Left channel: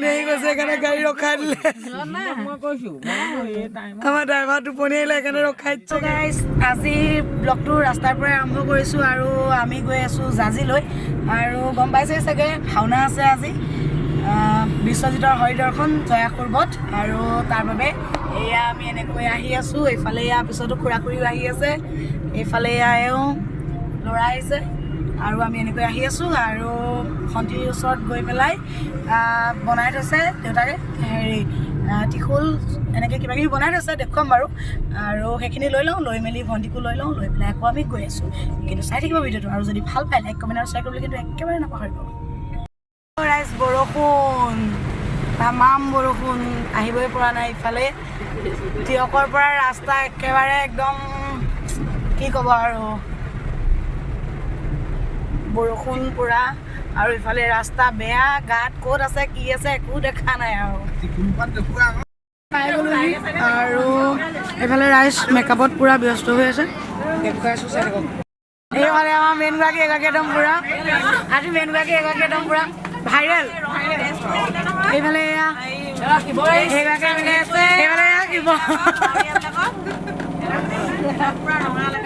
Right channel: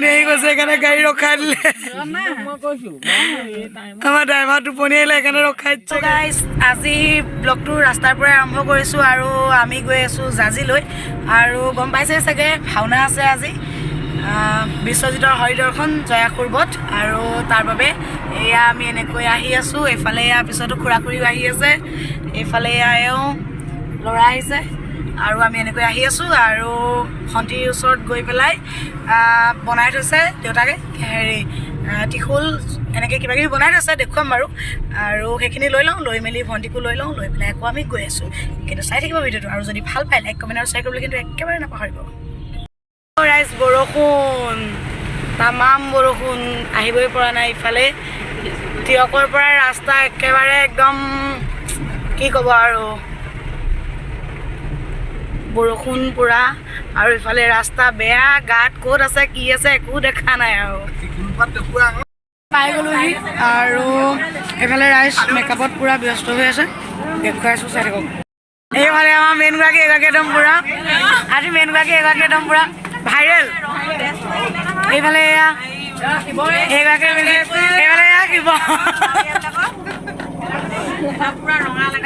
টোপনি আহি গৈছে সেইকাৰণে গাড়ী ৰখাই দিলে আমাৰ ড্ৰাইভাৰ টোপনি আহিলে সেইকাৰণে ৰখাই দিছে গাইজ আজি ব্লগটো ৰাস্তাৰ পৰাই আৰম্ভ কৰিছোঁ আৰু আমি গৈ আছোঁ জাজিলৈ আৰু গম পাইছে চাগে ভাওনা আছে আজি বিশ্বজিতৰ হৰিদৰ্শন জয়াসুৰবত আৰু তাৰ বাবে এয়া আমি এনেকৈ আহি আছোঁ এইফালে এয়া পিছতো খুৰা খুৰীও আহি আছে এইফালে এয়াও ল'ৰা আহিছে আৰু আমি এনেকৈ আহি আছোঁ আৰু ভণ্টিৰ ওচৰত গৈ পেলাই বনাই থৈছে দেউতাকে হেৰি টিখুল এনেকৈ কিবা কিবি বনাই থৈছে দেখুৱাম বাৰু আৰু সেইখিনি লৈ লওঁ লৈ মেলি ভণ্টিকো লৈ লওঁ লৈ পেলাই আকৌ আমি গৈ আছোঁ কিন্তু চাই থাকিব ভিডিঅ'টো আৰু যদি ভাল পায় লাইক কমেণ্ট আৰু শ্বেয়াৰ কৰিবলৈ কিন্তু একেবাৰে নাপাহৰিব ৰাইজ বৰষুণ তামাম বৰষুণ আহিবই পৰা নাই ইফালে তিয়কৰ পৰা ৰাস্তা একেবাৰে একদম কি ক'ব আৰু বৰষুণ পুৰা আৰু ইফালে ৰাস্তা বেয়া গাত ক'ত আছে কি আছে একো দেখা নাই আৰু পাই গ'লোহি আৰু এইফালে ৰাইজ মেকআপত পুৰা ব্যস্ত হৈ আছে দেখুৱাই আছোঁ চাই থাকক এইফালে আমাৰ মেইনগৰাকী এগৰাকী একদম পুৰা আজি মেইনগৰাকী এগৰাকী একদম পুৰা ভাইৰেল এইফালে এয়া এইগৰাকী এইফালে এয়া কিব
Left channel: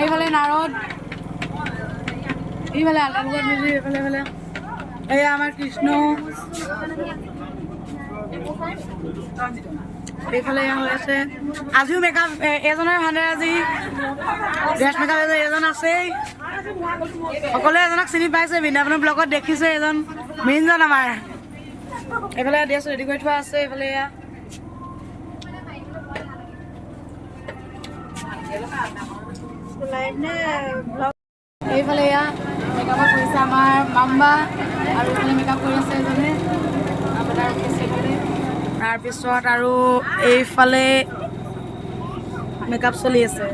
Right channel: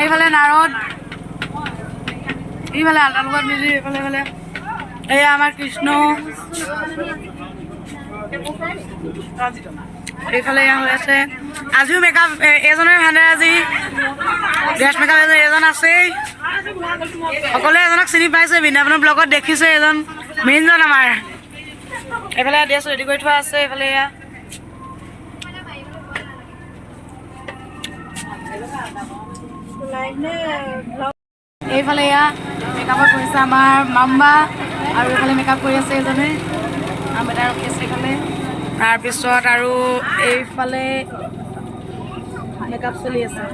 এইফালে নাৰদ এইফালে আল্টা লগত মিলি এইফালে এইফালে এয়া আমাৰ কৃষ্ণ এইফালে এয়া হৈ আছে আজিও মেকআপ এজনৰ হানে আজি ড্ৰেছ মেকআপ এজন আছেই সকলোৱে এজনক চিনি পাইছে বৃন্দাবনৰ ব্লগত দেখিছে এজন মেইনজন আমাৰ এইফালে ড্ৰেছ ৰেডি কৰি থোৱা আছে এইফালে এয়া এইফালে এয়া মেকআপত কৰিছে আমাৰ মাম্বা আৰু এইফালে মেকআপ কৰি আছে এজনে তাৰপিছত আৰু এইফালে মেকআপ চলি আছে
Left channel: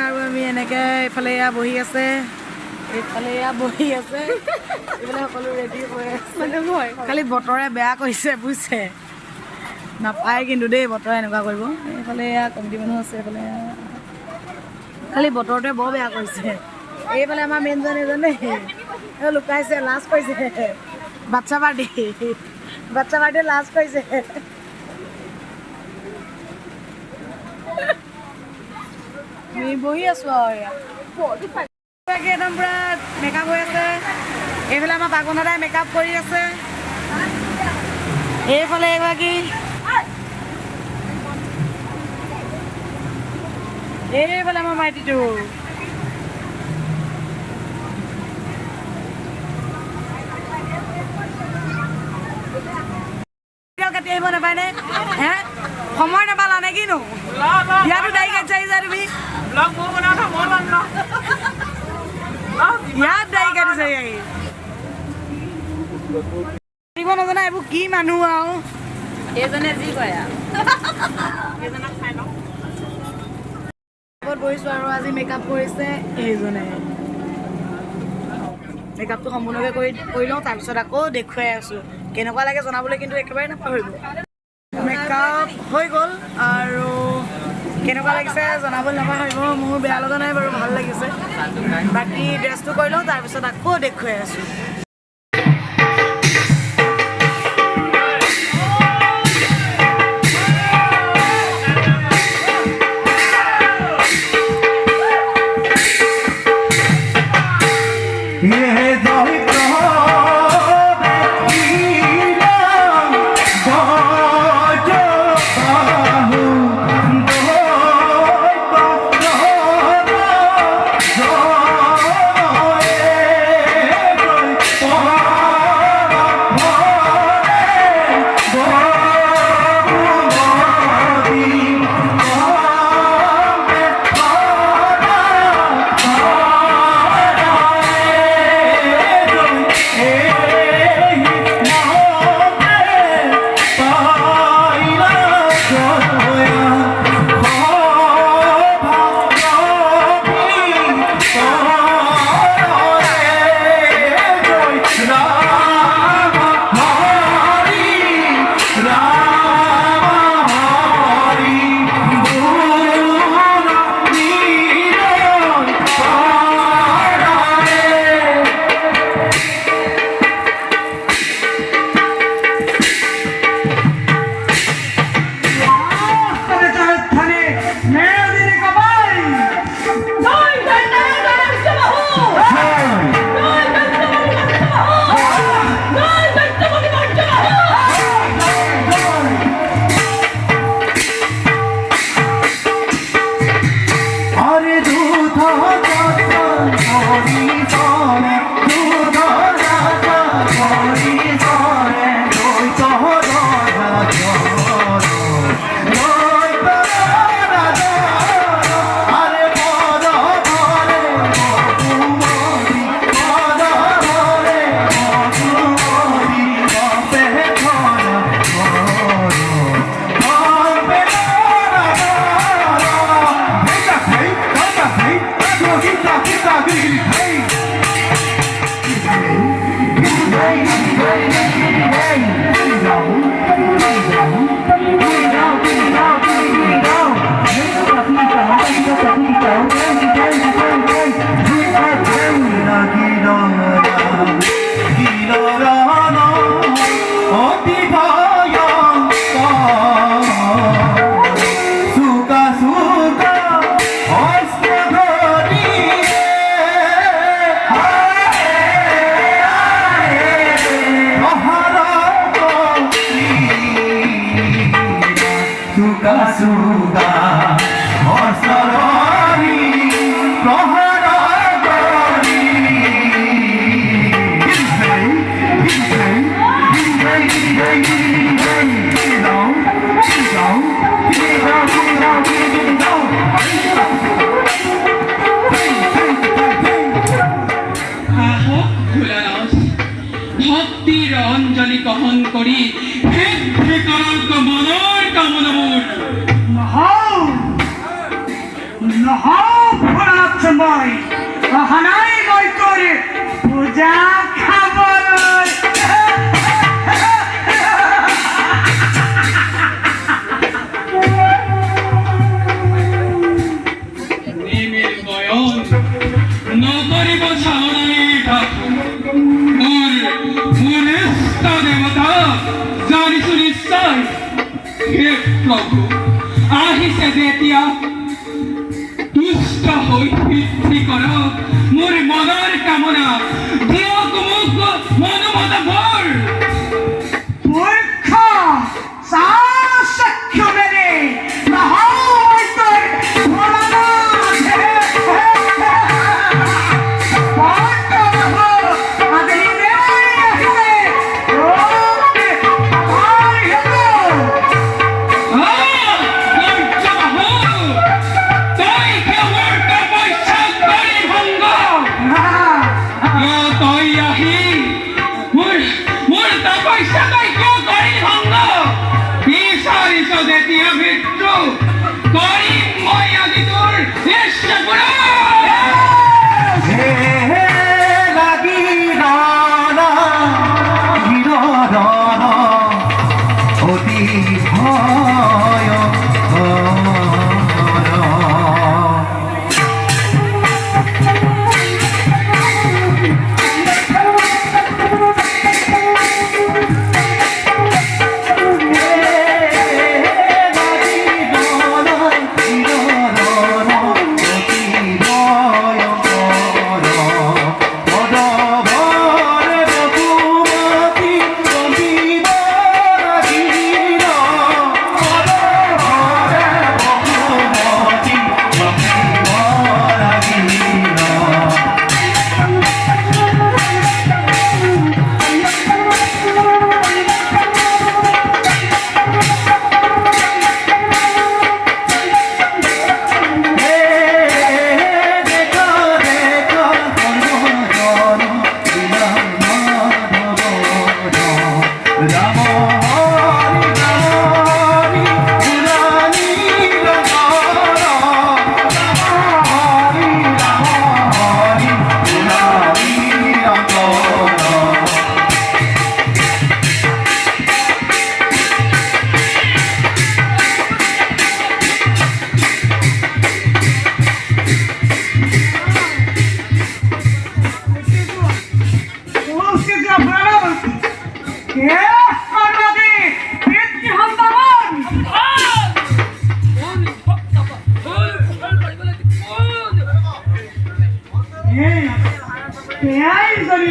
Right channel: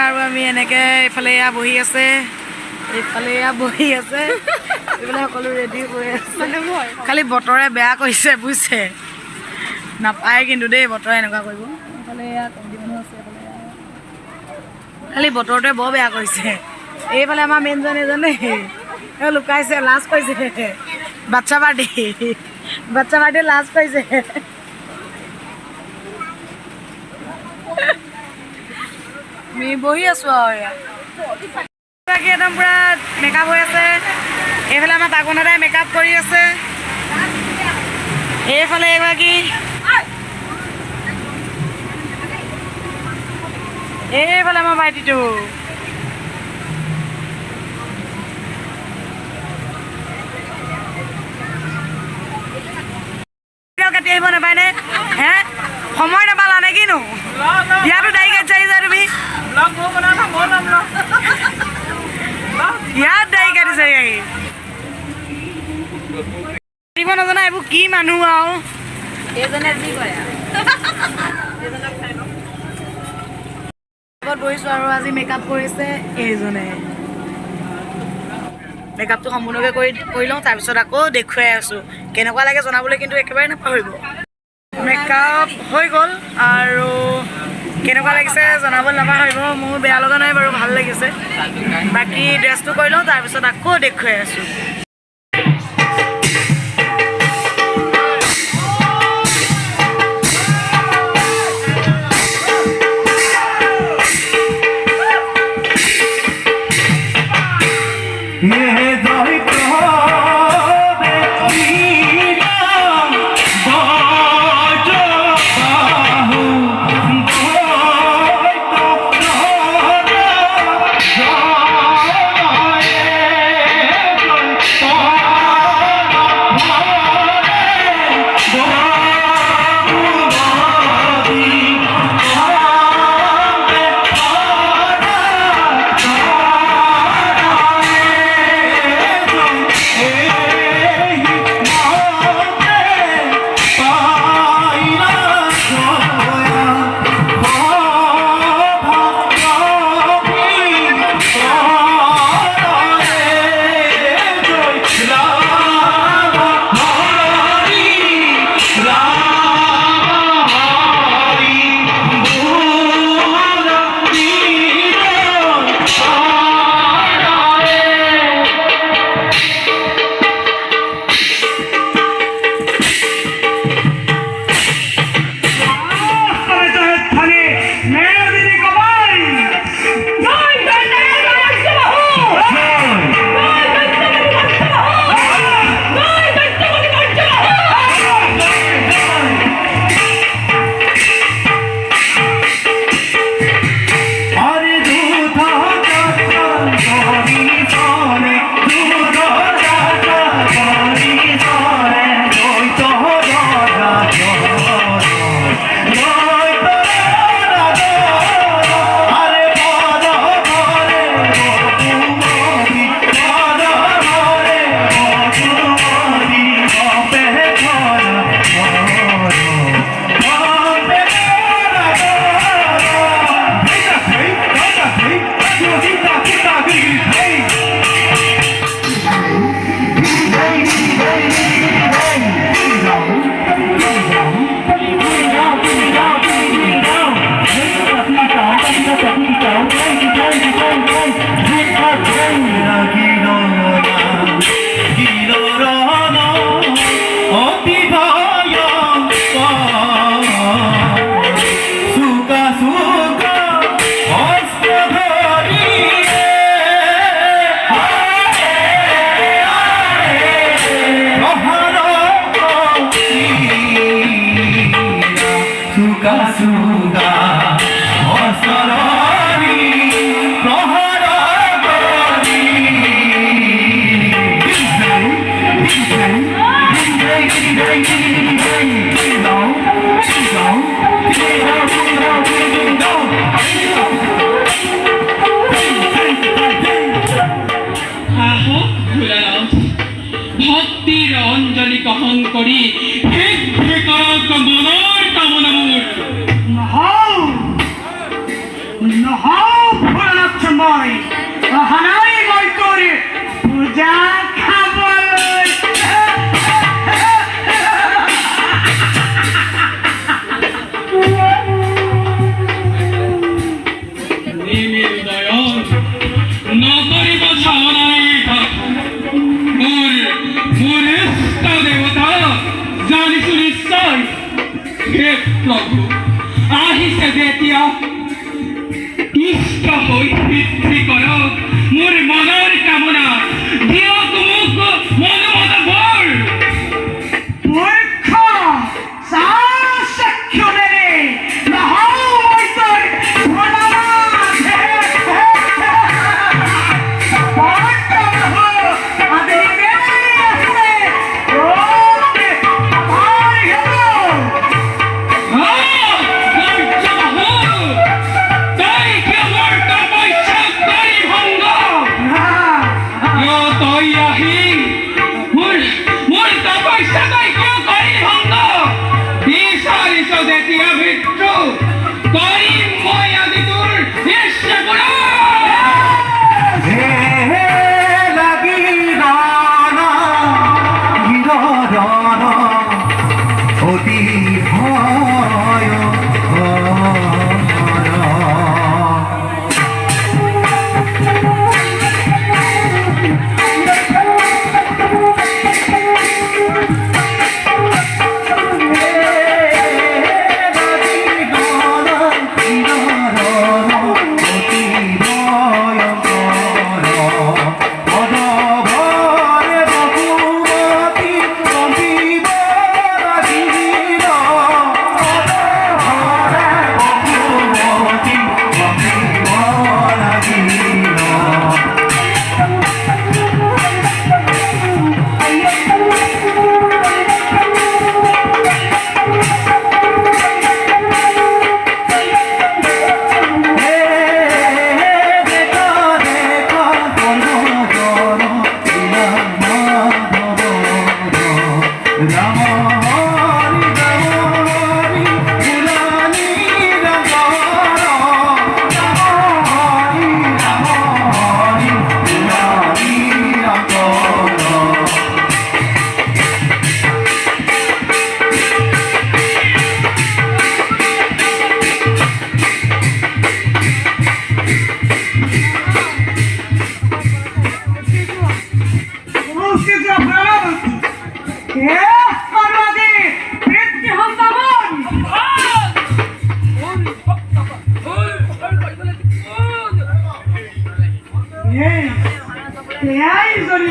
আৰু আমি এনেকৈ এইফালে এয়া বহি আছে এইফালে এয়া বহি আছে এইফালে সকলো ৰেডি হৈ আছে খালি বতৰে বেয়া কৰিছে বুজিছে নাপায় কিন্তু দেই বতৰে এনেকুৱা কৰিব এইফালে এয়া কমিটি মানুহ আছে এইফালে খালি বতৰটোৱে বৰ বেয়া কৰিছে এইফালে আমাৰ মেইনজন এজনে লুকাইছে লাজ কৰিছে বাচ্ছা পাৰ্টিয়ে লাজ কৰিছে আমি বহি আছোঁ আৰু একদম পুৰা মেকআপ হৈ আছে এইফালে আমাৰ বাগনা দাই মেকআপ কৰি আছে এইফালে এগৰাকী এইফালে আমাৰ ভাইটিটো কাটি আহিব নাপায়নে হে সময় নাপালা নে কিনো ইয়াতো দায়ী কাটি আহিছা তুমি ইয়াত দায়ী কাটিছে দিব নজনা এইবোৰ কি মানুহ আৰু বহিছোঁ আৰু আজি মেকআপ কৰিছে এইজনে মেকআপটো সম্পূৰ্ণকৈ কৰি লওঁ তাৰপিছত আকৌ দেখুৱাই আছোঁ কেনেকুৱা লাগে জনাবলৈ কিন্তু একেবাৰে নাপাহৰিব মেকআপ হৈ গ'ল আৰু কেনেকুৱা লাগিছে জনাবলৈ নাপাহৰিব মোৰ বেয়া লগা নাই বাৰু ভাল লাগিছে বাকী ড্ৰেছটো কৰি লওঁ তাৰপিছত আকৌ দেখুৱাই আছোঁ सुगा असरणी प्रहर करी ভক্তিৰ অঞ্জলি বহন কৰি মনৰ কামনা মোৰ মই অহানাই মই তোৰ পূজা খাবলৈ নকৰিব চালনাই মোৰ মোৰ ইষ্ট দেৱতা জানিছো নিশ্চয় হে প্ৰভু আহিছে যেতিয়া ইষ্ট হৈ বৃদ্ধি কৰক মোৰ মনৰ কামনা দিয়ক মোক মনোমত বৰ মূৰ্খ সাক্ষরে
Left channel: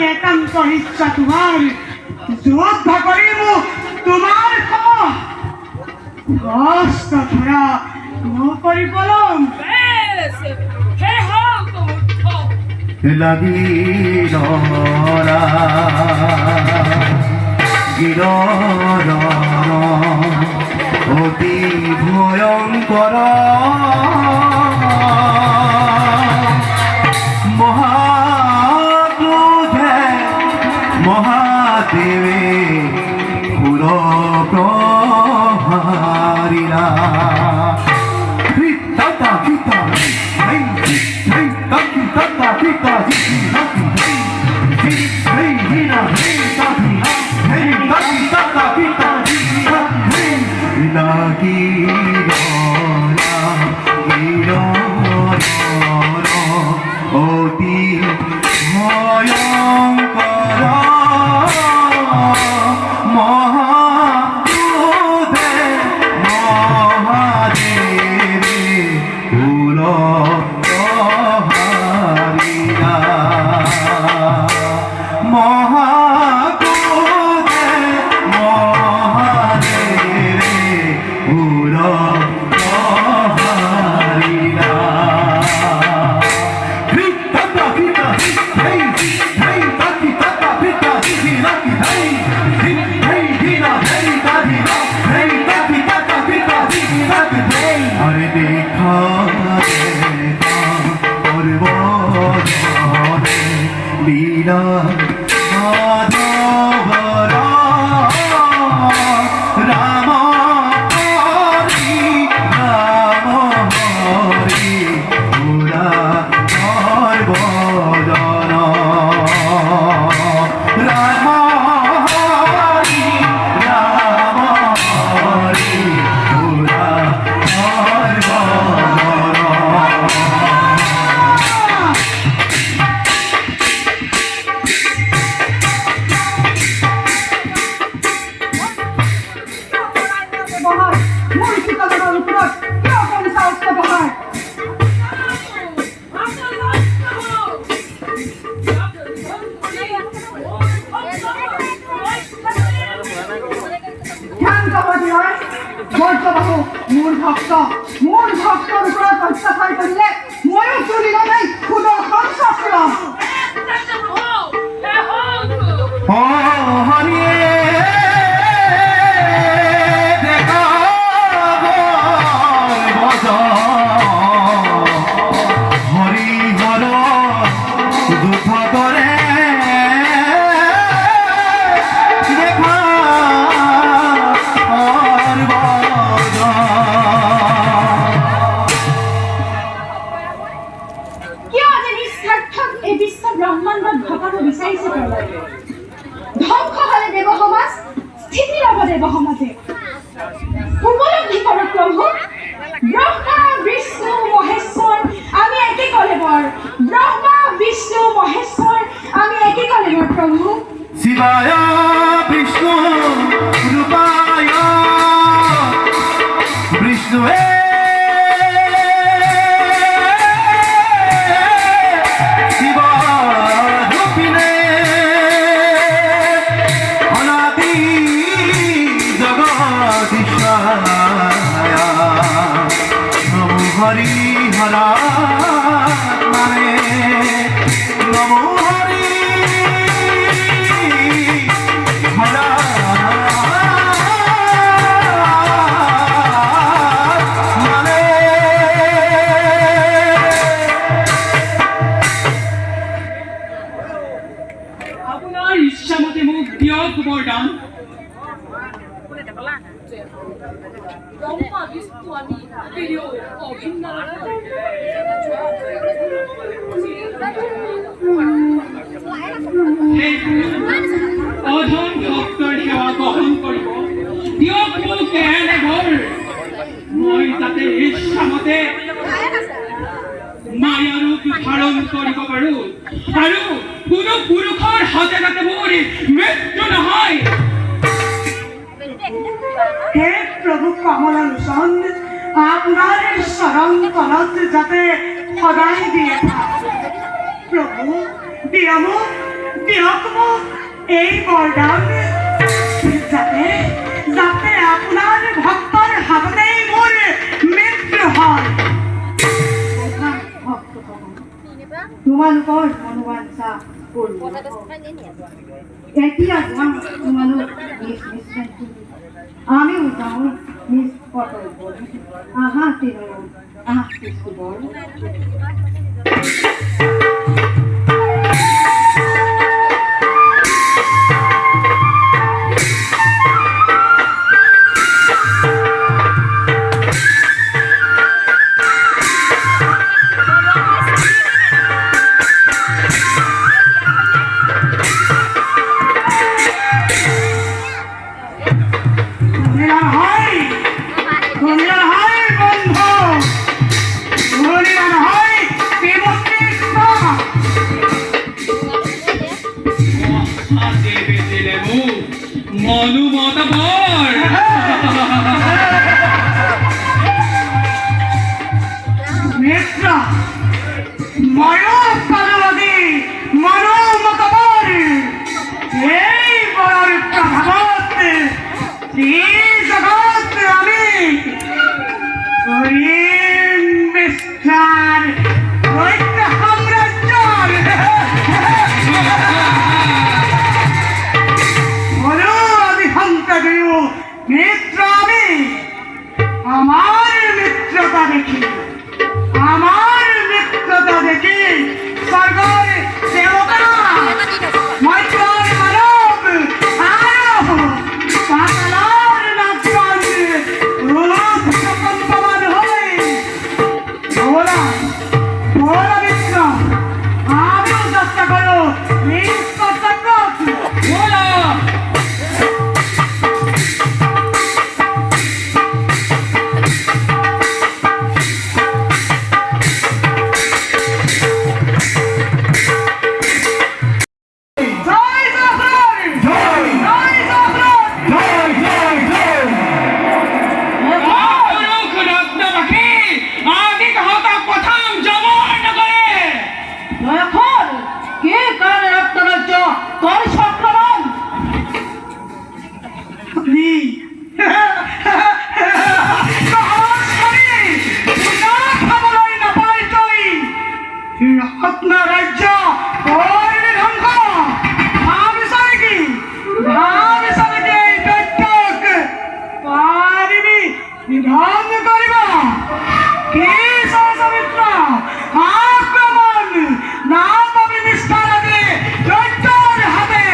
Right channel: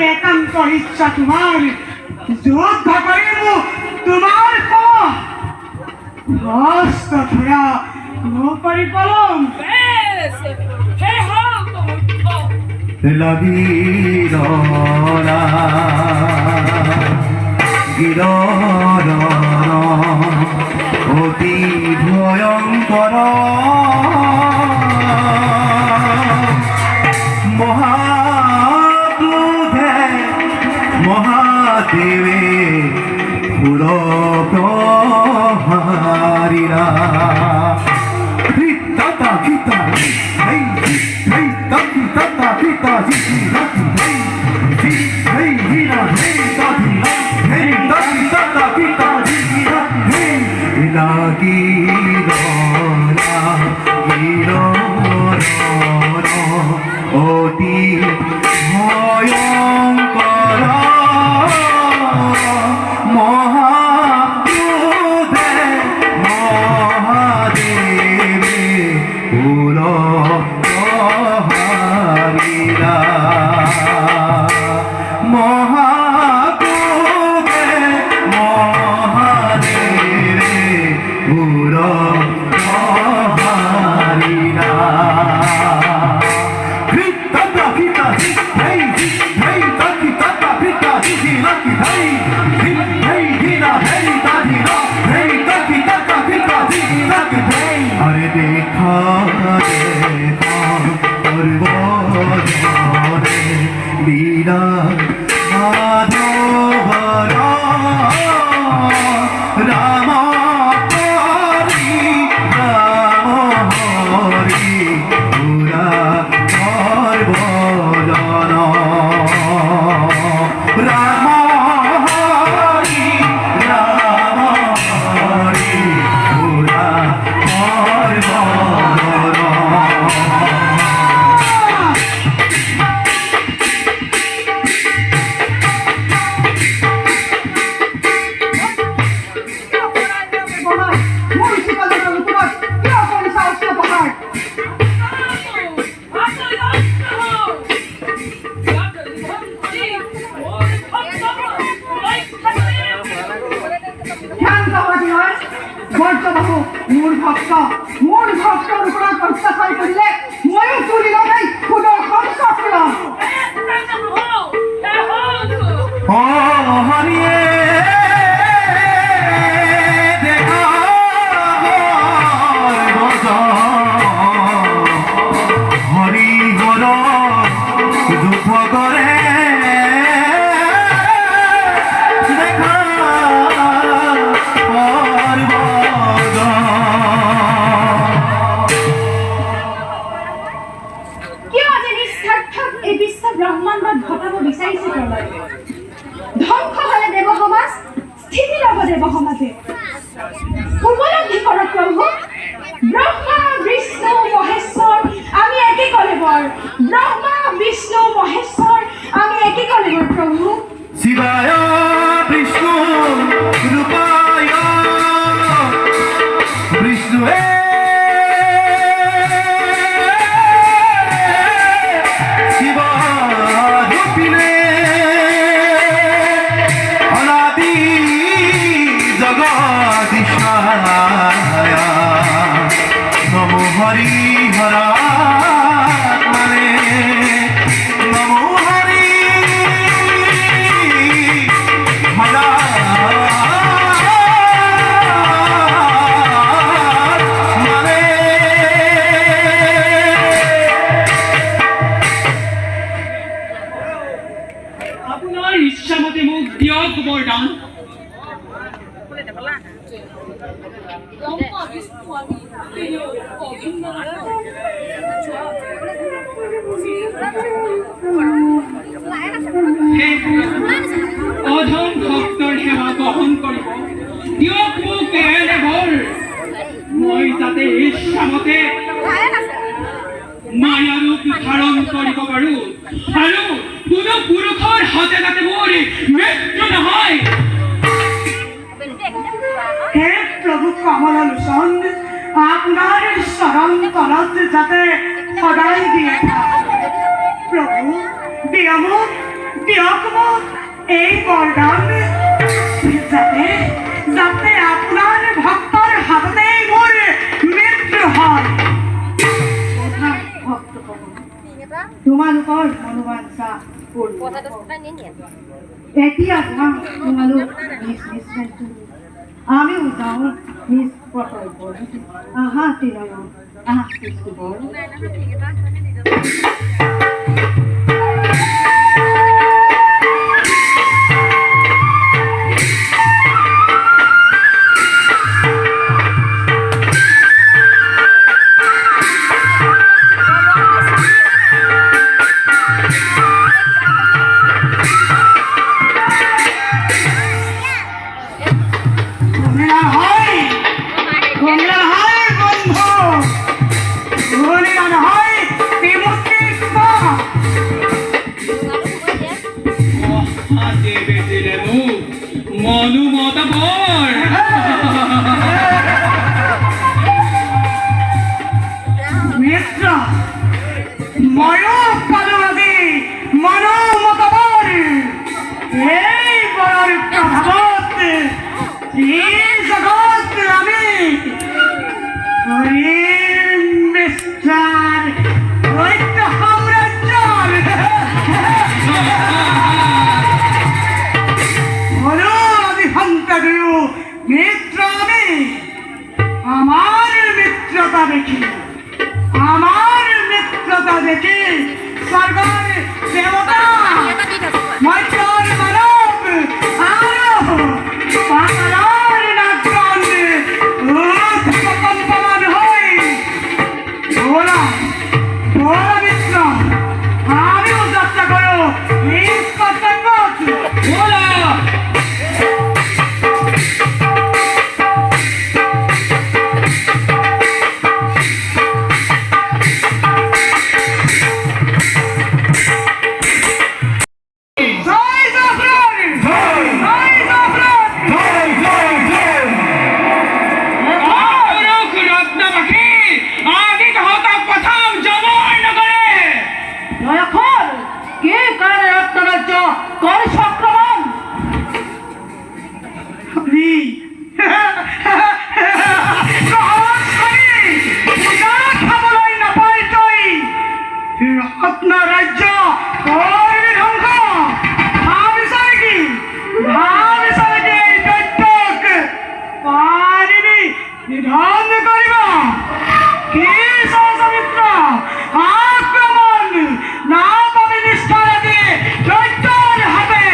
একান্ত ইচ্ছা তোমার যোদ্ধা করিব তোমার হস্ত ধরা নকরি কলম লাগিল গিরর অতি ভয়ঙ্কর মহাদেবে পুর প্রহারিলা ততা পিতা ততা পিতা অতি ভয়ঙ্কর মহাদেবে পুর প্রহারিলা মহাদেবে পুর রেখারে পর্বজনে লীলা মাধবর রাম হরি রাম হরি পুরা সর্বজন রাম হরি রাম হরি পুরা সর্বজন মোৰ ভক্তৰ ওপৰত অত্যাচাৰ কৰিলে ময়ো তুলিব নাই সুদৰ্শন চক্ৰ হৰিয়ে হৰি হৰ দুঃখ কৰে দেখা কিয় আজি নিস্বাৰ্থক এই বিশ্ব ব্ৰহ্মাণ্ডত ঘটাব বিচাৰিছে প্ৰলয় ধ্বংস হ'লে দেৱ সমাজ স্থিতি ল'ব দেৱ সমাজে উপলব্ধি কৰক প্ৰভু ব্ৰহ্মা বিষ্ণু মহেশ্বৰ আমি একে কলেবৰ ব্ৰহ্মা বিষ্ণু মহেশ্বৰ আমি একে কলেবৰ প্ৰভু শিবায় বিষ্ণু ৰূপায় বিষ্ণুয়ে শিব ৰূপিণে অনাদি জগদীশায় নমো হৰি হৰা নামে নমো হৰি হৰা নামে আপোনাৰ ইচ্ছামতে মোক দিয়ক বৰদান অধম ভক্তৰ সেৱা গ্ৰহণ কৰিব দিয়ক মোক এনে ঘৰ মই যাতে ইচ্ছামতে মায়া ৰূপ ধাৰণ কৰিব পাৰোঁ আৰু কোনো পুৰুষৰ হাতে যাতে মোৰ মৃত্যু নহয় হে প্ৰভু কমললোচন আপোনাৰ চৰণ তলত যাতে সদায় দিয়ে প্ৰভু দিয়ক মোক এই বৰদান যাতে যাতে আপোনাৰ ভক্তৰ হাততেই মোৰ মৃত্যু হয় তোমালোকৰ অনুবাঞ্ছা এতিয়া যাম তোমালোক নিজ নিজ আমিও যাওঁ নিজ কৰ্তব্য আহা তিনয়ন আহা কৃষ্ণবৰ হয় বন্ধু অযোধ্যাবাসী আজি তহঁতক পঠাম জমৰ নগৰে। এখন কে কাৰণে ৰত্নৰাজ্য কৰেছ আক্ৰমণ? আমি খাবলৈ নাপাই তই ৰত্ন ৰাজ্য কৰিবি ধ্বংস। ভাবিছ নেকি এই দৈত্যক পাৰিবি নিধন কৰিব? কি সহস্ৰ আক্ৰমণ না পাবি নিষ্ঠাৰ আদি দৈত্যৰ হবে।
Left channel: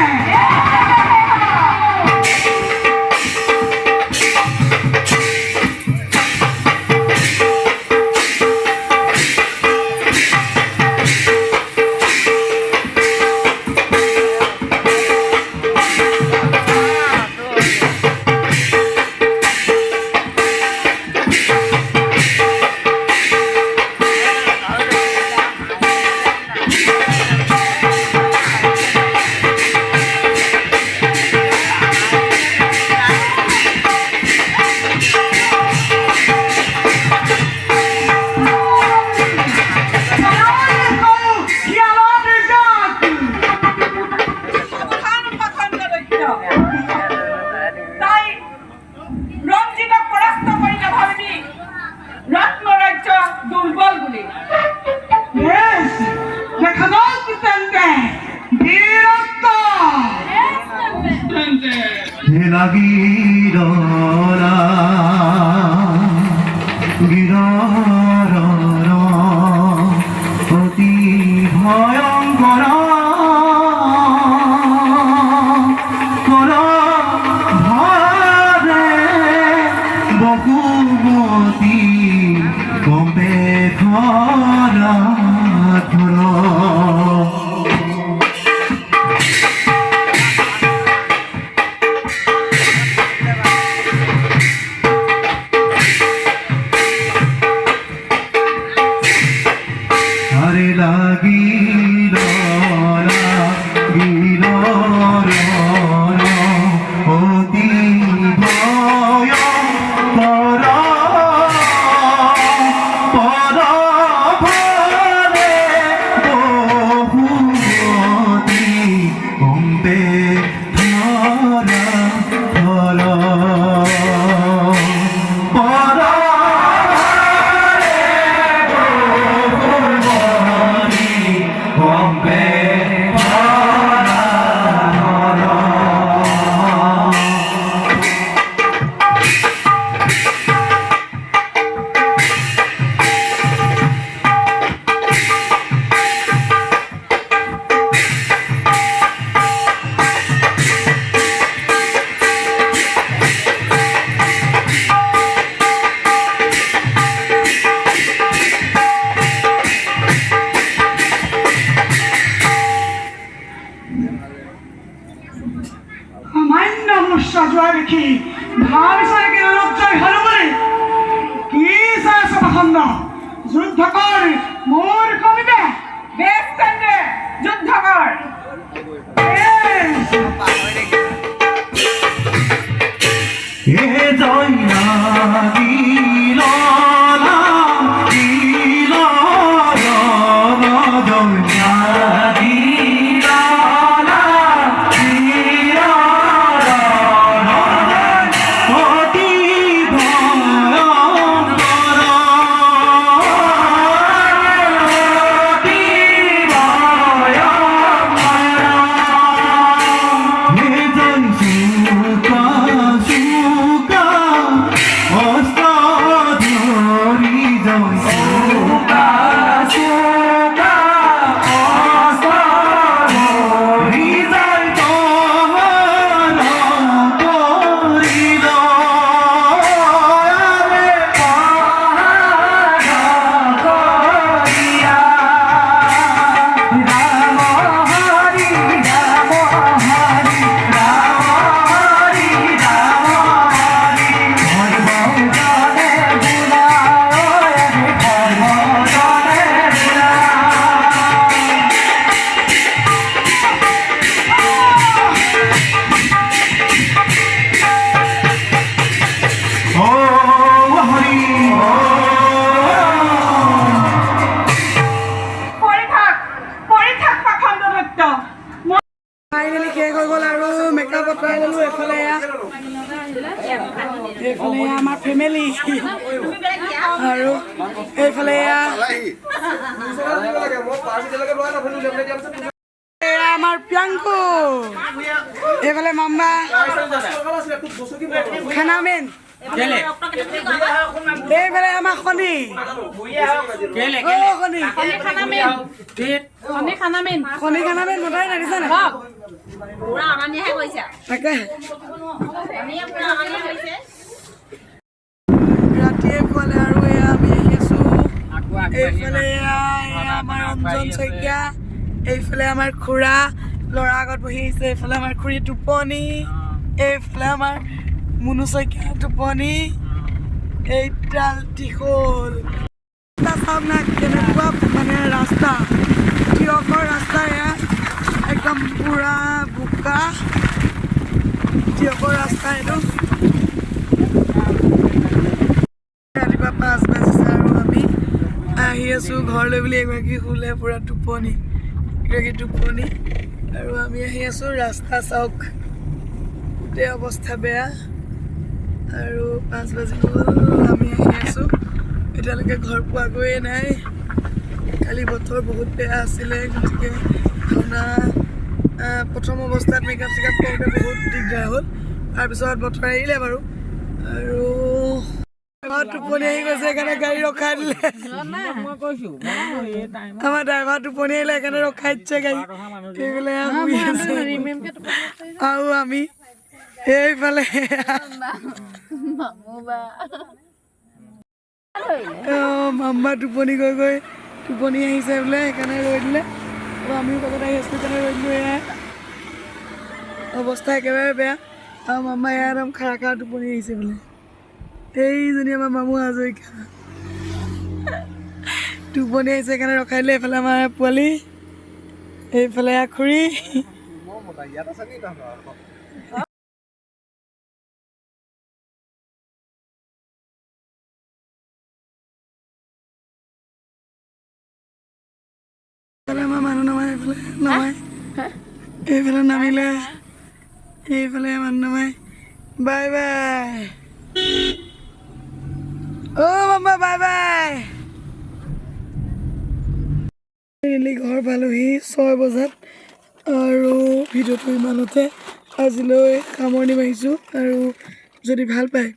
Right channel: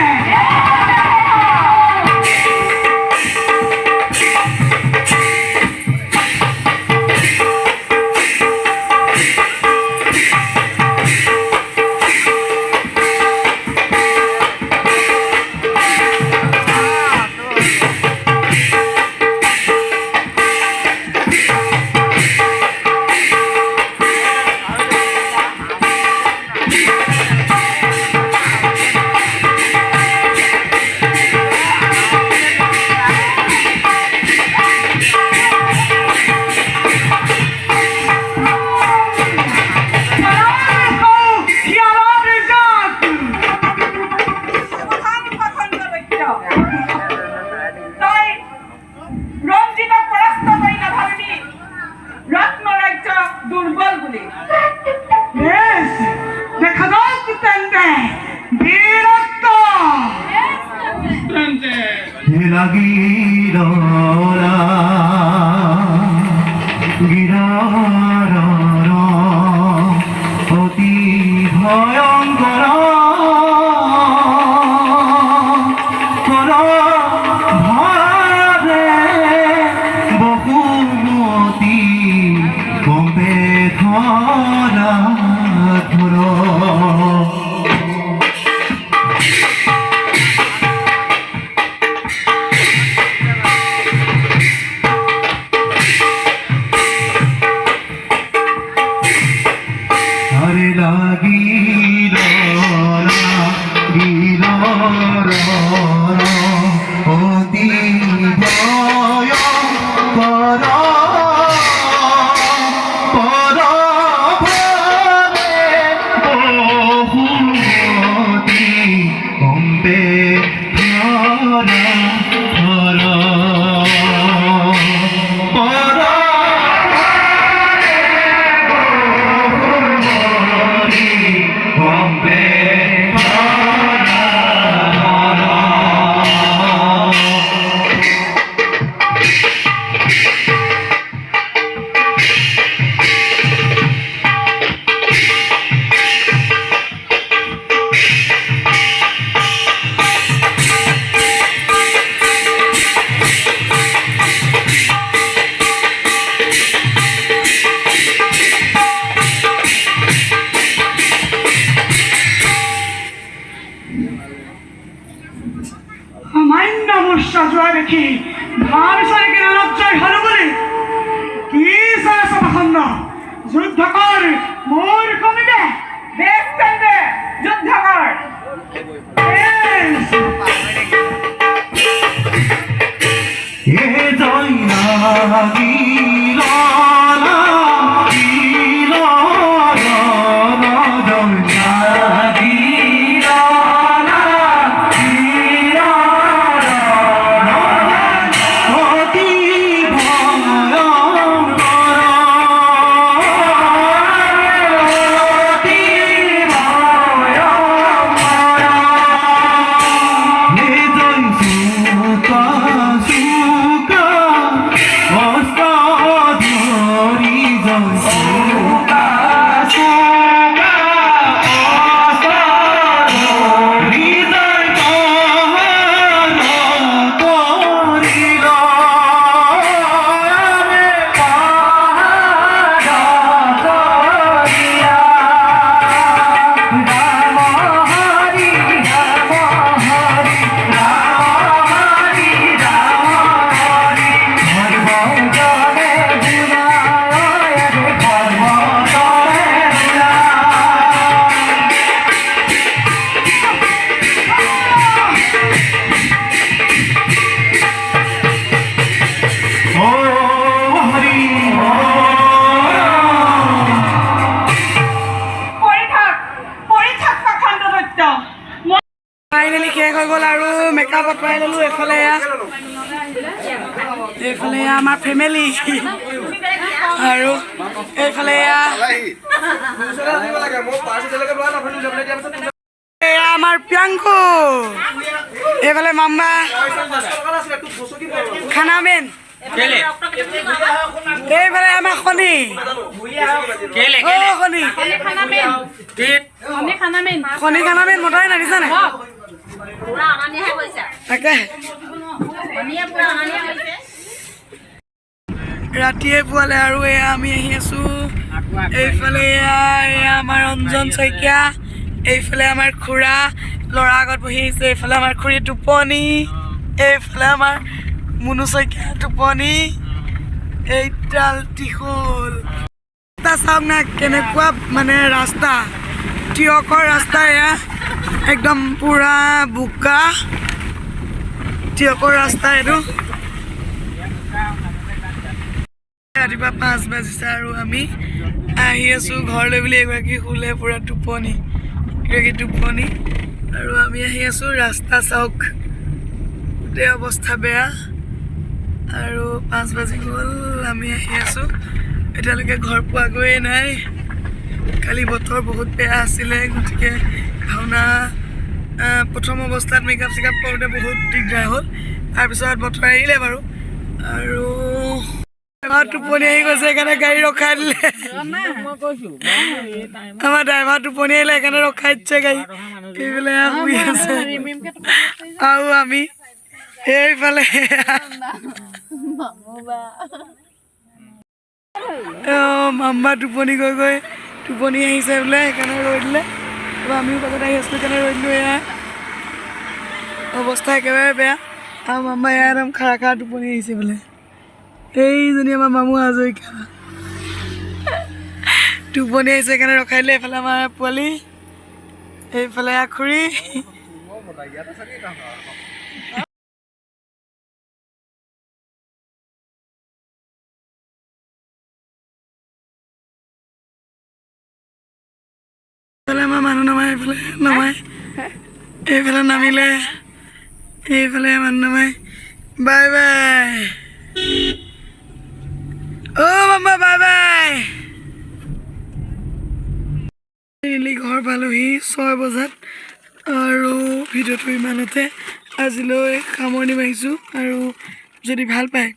তাই ৰঞ্জিতক পৰাস্ত কৰি নাভাবিবি ৰত্ন ৰাজ্য দুৰ্বল বুলি। বেশ, দেখা যাক তেন্তে বীরত্ব। তেন্তে গিরা অতি ভয়ঙ্কর ভরে বহুমতি কমবে ধরা ধর। আরে লাগিল অতি ভয় পর ভরে বহুমতি কমবে ধরা ধরা পর কমবে সামান্য মূৰ্ছা যোৱা দেখি ভাবিছে লজ্জাই হল বুলি? কি চাই পাখণ্ড যুদ্ধ কৰ মোৰ কমিবে। বেশ তেন্তে যুদ্ধ কৰ। এ জয় লাগিল অতি টকা বতৰাই ল'লোঁ। এইফালে আমাৰ ফেমিলি আৰু এইফালে এয়া আমাৰ প্ৰিয়াংকু, এইফালে মাম্মা খানামেন, এইফালে আমাৰ শনি শনি খানামেন মতাই নাদিছা নাই তাকে ৰাতিয়ে পুৱালে আৰু এয়া আমি আহি আছো। এইফালে এয়া আমাৰ অঞ্জন শইকীয়া, এইফালে আমাৰ খুৰা ল'ৰা আগত বহি আহিছে, এইফালে আমাৰ খুৰী টোপনি, এইফালে আমাৰ মুনু শইকীয়া টোপনি, এইডাল টিখল চাওক না কেনেকুৱা মানে ৰাস্তা, টিয়কৰ ৰাস্তা এয়া একদম পুৰা বোকা টিয়কৰ ৰাস্তা এইটো। ৰাতিপুৱা 5 বাজিছে আৰু আমি আহি আছোঁ ঘৰলৈ বুলি এগৰাকী শুলে পুৰা টোপনি, এগৰাকী টোপনি আৰু আমি আহি আছোঁ। ৰাস্তা চাওক গোটেই অৱস্থা বেয়া আৰু 5 বাজি গ'ল, আমি আহি আছোঁ। এতিয়ালৈকে ঘৰ পোৱাগৈয়ে নাই। কালি বতৰ বহুত বেয়া আছিলে, গতিকে ভাওনা প্ৰথম অৱস্থাত মেকআপ চেকআপ কৰোঁতে বহুত দিগদাৰ হ'ল। তাৰপিছত বতৰ আহিলে বাৰু আৰু টোপনি আহি গৈছে, সেইকাৰণে গাড়ী ৰখাই দিলে। আমাৰ ড্ৰাইভাৰ টোপনি আহিলে, সেইকাৰণে ৰখাই দিছে গাড়ী। এইফালে শুই আছে আৰু আমি এইফালে মাম্মা টোপনি গৈ টোপনি আহিছে বোলে, সেইকাৰণে ৰৈ দিলে। আমিও পাছত আহি আছোঁ, সেইকাৰণে ৰৈ দিলোঁ। এয়া অৱস্থা একেবাৰে বেয়া আৰু মাম্মা এয়া একদম খাৰা টোপনি আহিছে বোলে। এইজনী আমাৰ মামু হাজৰিকা টোপনি আহিছে, সেইকাৰণে ৰখাই দিলে। এইফালে আমাৰ পোৱালি, এইফালে খুৰী। এইফালে আমাৰ মানুহ নমাই, এইফালে নমাই, এইফালে নামিলে, এইফালে মানুহ নমাই। বাই বাই মাম্মা, বাই বাই। ঘৰ পালোহি 6 বজাত আৰু ভিডিঅ'টো ইমানতে আজিলৈ সামৰণি মাৰিছোঁ। আৰু যদি ভাল পায়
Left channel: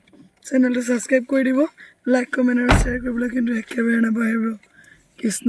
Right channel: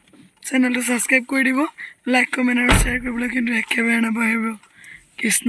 চেনেলটো ছাবস্ক্ৰাইব কৰি দিব, লাইক কমেণ্ট আৰু শ্বেয়াৰ কৰিবলৈ কিন্তু একেবাৰে নাপাহৰিব। কৃষ্ণ।